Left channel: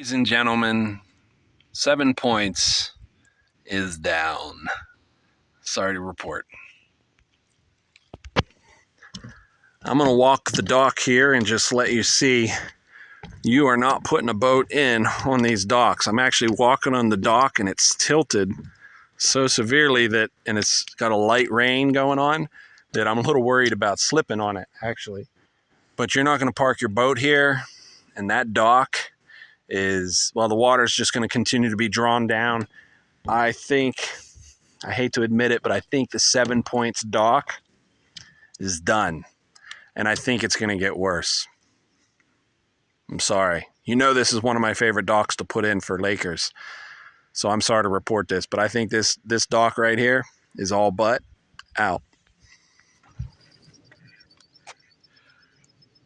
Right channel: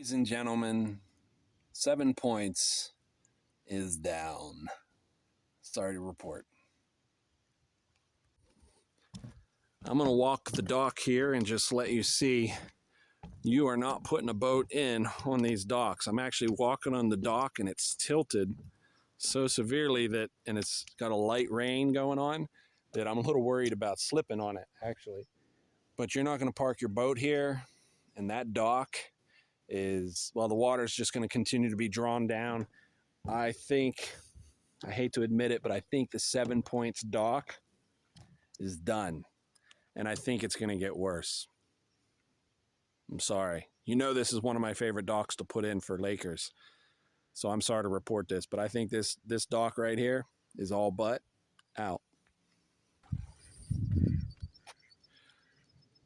Ladies and gentlemen, 7 points is down. Sorry to report. I'm going to walk the dock here and just let you see you are not putting a boat in on these docks. I'm actually walking on the dock and it's tilted so severely that, and it's got a light rain going on, that I'm a little worried about slipping on it actually. But you're not going to park your boat here, and that dock is, well, the water's just going to continue to be drawn down. I think, I hate to admit it, but I think the 7 points dock is done. And I think it's going to get worse. I'm sorry. You know this is one of my favorite docks to put in for Lakers. So I'm sorry to report this, but I think this dock right here is all but out.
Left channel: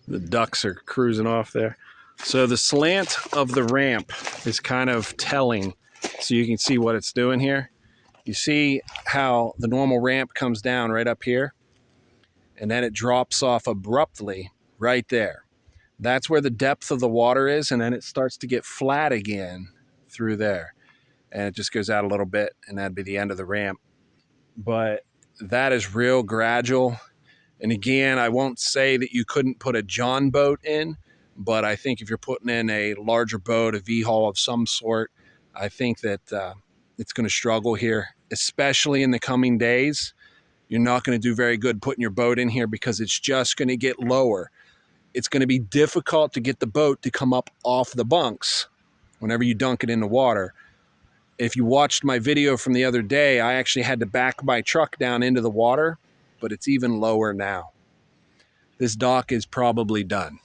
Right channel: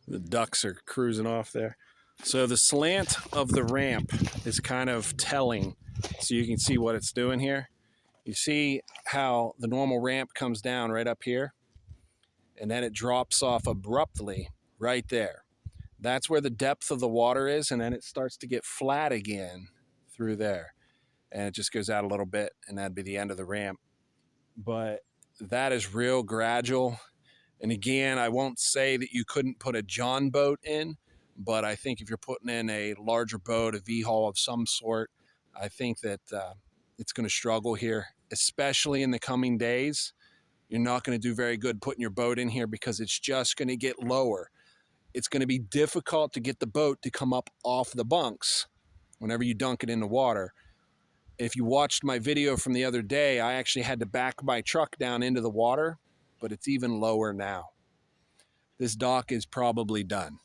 The ducks are cruising off there. So the slant of the ramp is kind of telling, so you can see what it's doing here. You see how the normal ramp comes down right up here, and then it drops off abruptly right there. That's where the depth of the water is, and then it starts to get flat again through there. And it just goes out a little bit, and that'd be the end of the ramp. But that is real gradual. And again, I won't say that you couldn't put a John boat in, but I think if you're putting in a larger boat, a V-hull of some sort, I think that it's going to struggle here, especially in the coming days. You're not going to do very good putting your boat in here because it's just going to get lower. It's going to be difficult to get the boat to come up off the bunks whenever you dunk it in the water. If you watched my video from the other day, I actually had to back my truck down into the water, but it's even lower now. This dock is probably done.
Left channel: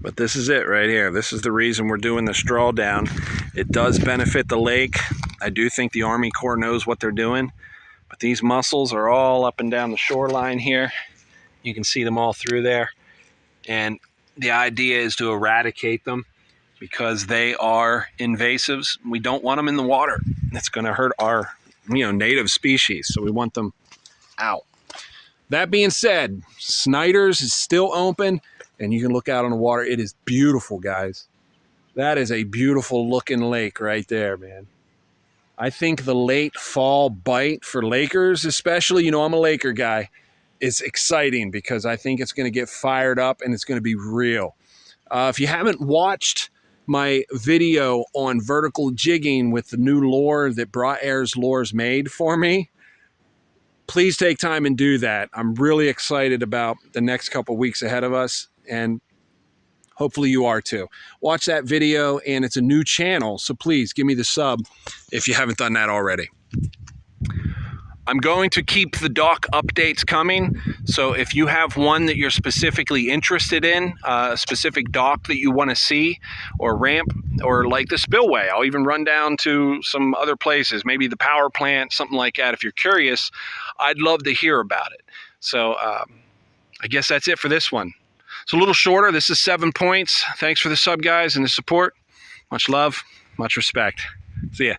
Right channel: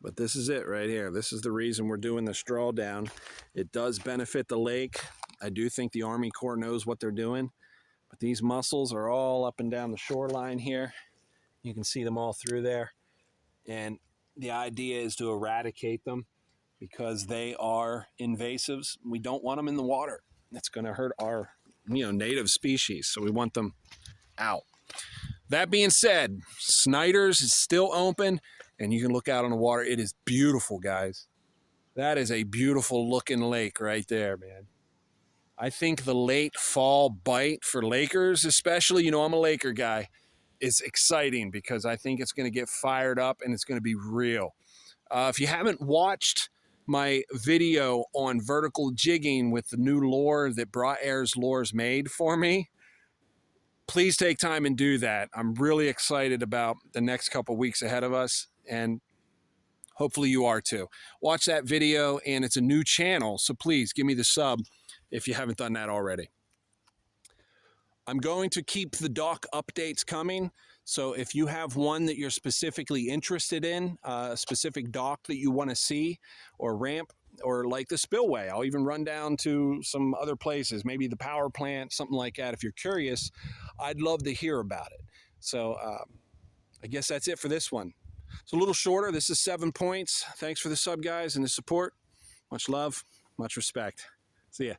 But this is it right here. This is the reason we're doing this drawdown. It does benefit the lake. I do think the Army Corps knows what they're doing, but these mussels are all up and down the shoreline here. You can see them all through there. And the idea is to eradicate them because they are invasives. We don't want them in the water. It's going to hurt our, native species. So we want them out. That being said, Snyder's is still open and you can look out on the water. It is beautiful, guys. That is a beautiful looking lake right there, man. I think the late fall bite for Lakers, especially, I'm a Laker guy, is exciting because I think it's going to get fired up and it's going to be real. If you haven't watched my video on vertical jigging with the new lure that Bra Air's Lures made for me, please take time and do that. I'm really excited about the next couple weeks ahead of us, and hopefully you are too. Watch that video, and it's a new channel, so please give me the sub if you haven't done that already. I'm going to keep the dock updates coming, so if you have one that you're specifically interested in, a specific dock that you want to see, or ramp, or like the spillway, I'll even run down to some other places, maybe the power plant, something like that. If you're curious, I'd love to hear about it. So I guess that's it for this one. It's a little shorter. This is 7 points. Thanks for the sub, guys, and the support. Much love, much respect. See ya.